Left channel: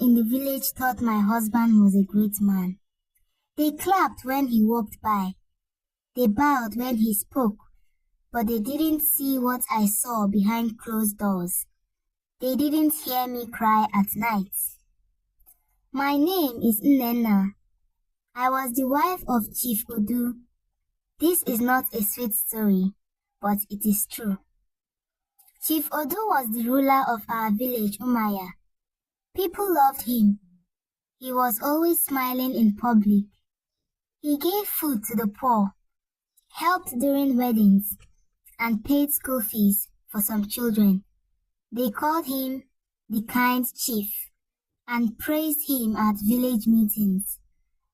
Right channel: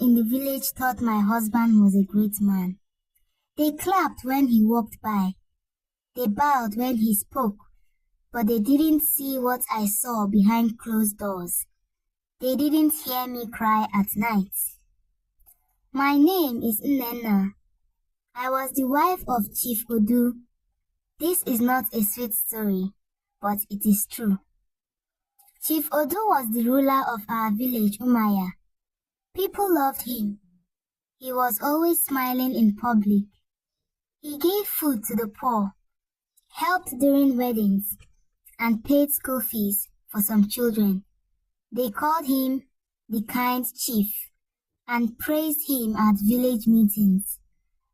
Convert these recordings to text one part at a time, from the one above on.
in the village thought my husband was a great man. They clapped when he walked by. They bowed when he spoke, but they didn't see what I saw behind closed doors. They didn't hear me cry at night. My name is Nnenna. I was the wife of Chief Odu. This is not a sweet story, but it is true. Chief Odu was the ruler of our village, Umaya. People loved him. He was always smiling in public. He gave food to the poor, helped during weddings, and paid school fees for some children. They called him the kind chief and praised him at village meetings.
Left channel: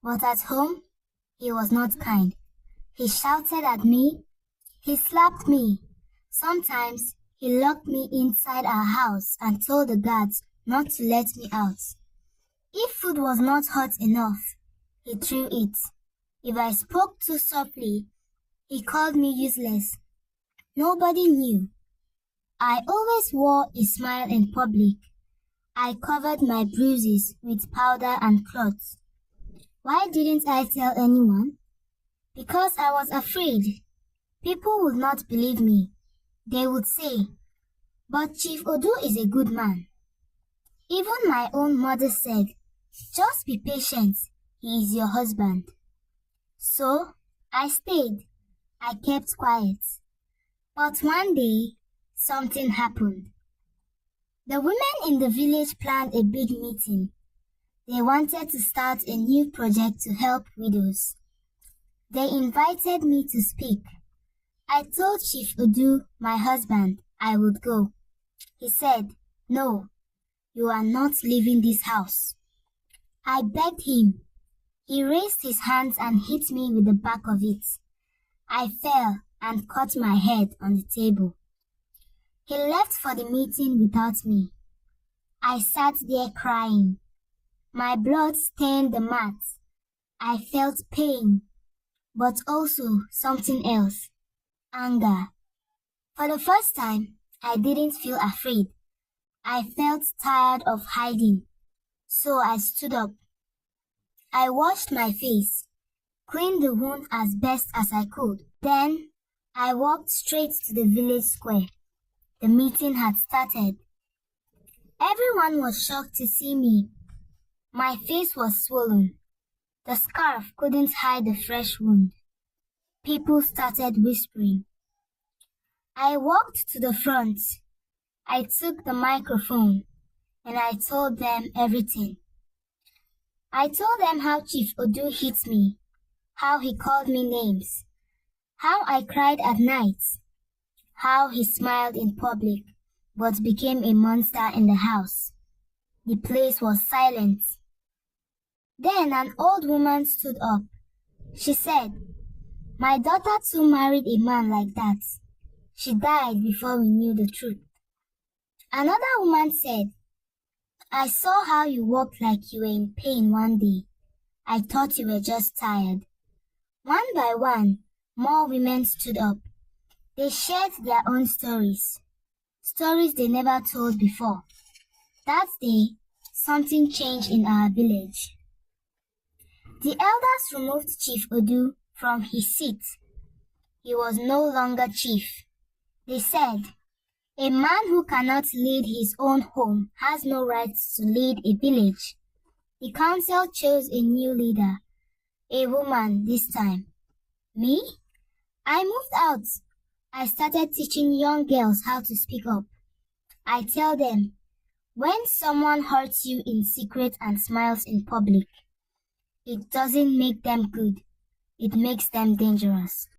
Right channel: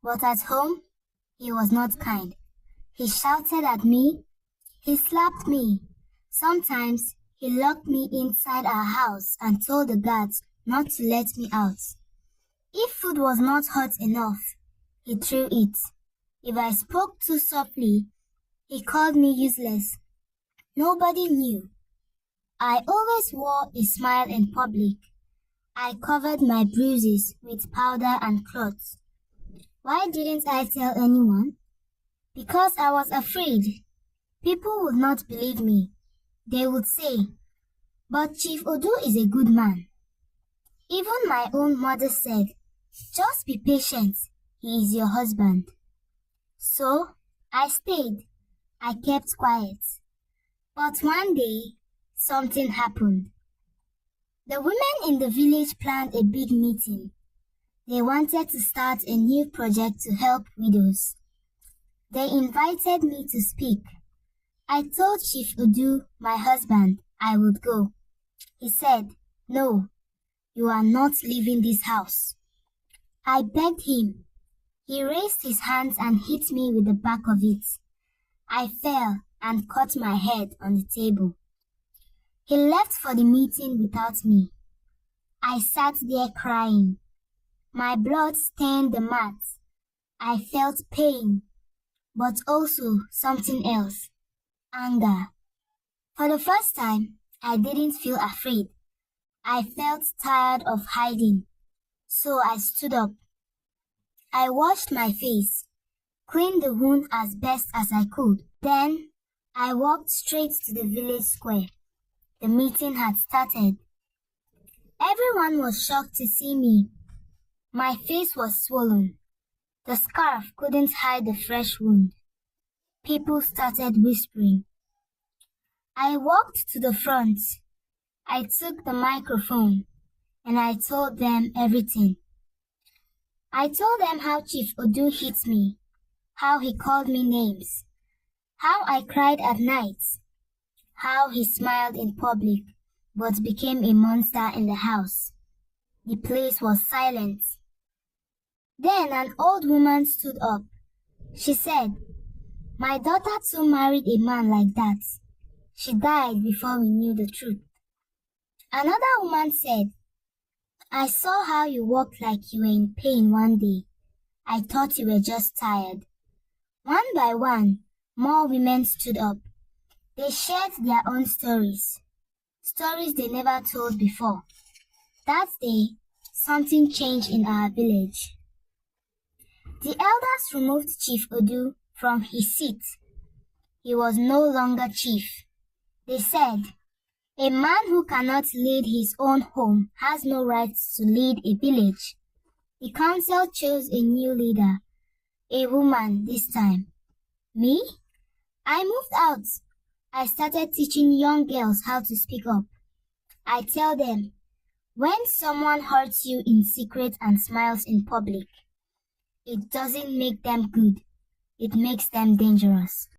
But at home, he was not kind. He shouted at me. He slapped me. Sometimes he locked me inside our house and told the guards not to let me out. If food was not hot enough, he threw it. If I spoke too softly, he called me useless. Nobody knew. I always wore a smile in public. I covered my bruises with powder and cloths. Why didn't I tell anyone? Because I was afraid. People would not believe me. They would say, "But Chief Odu is a good man." Even my own mother said, "Just be patient, he is your husband." So, I stayed. I kept quiet. But one day, something happened. The women in the village planned a big meeting. They wanted to start a new project to help widows. They invited me to speak. I told Chief Odu, my husband, I would go. He said, "No, you are not leaving this house." I begged him. He raised his hands and hit me with the back of it. I fell and cut my head on the table. He left for the meeting without me. I sat there crying. My blood stained the mat. I felt pain, but also something else, anger. For the first time, I didn't feel afraid. I felt tired of hiding, so I stood up. I washed my face, cleaned the wound as best as I could. Then, I walked straight to the village square. The meeting had started. Everyone was shocked to see me. My face was swollen. The scarf couldn't hide the fresh wound. People started whispering. I walked to the front. I took the microphone and I told them everything. I told them how Chief Odu hit me, how he called me names, how I cried at night, how he smiled in public but became a monster in the house. The place was silent. Then an old woman stood up. She said, "My daughter too married a man like that. She died before we knew the truth." Another woman said, "I saw how you walked like you were in pain one day. I thought you were just tired." One by one, more women stood up. They shared their own stories they never told before. That day, something changed in our village. The elders removed Chief Odu from his seat. He was no longer chief. They said, "A man who cannot lead his own home has no right to lead a village." The council chose a new leader, a woman this time. Me? I moved out. I started teaching young girls how to speak up. I tell them, when someone hurts you in secret and smiles in public, it doesn't make them good. It makes them dangerous.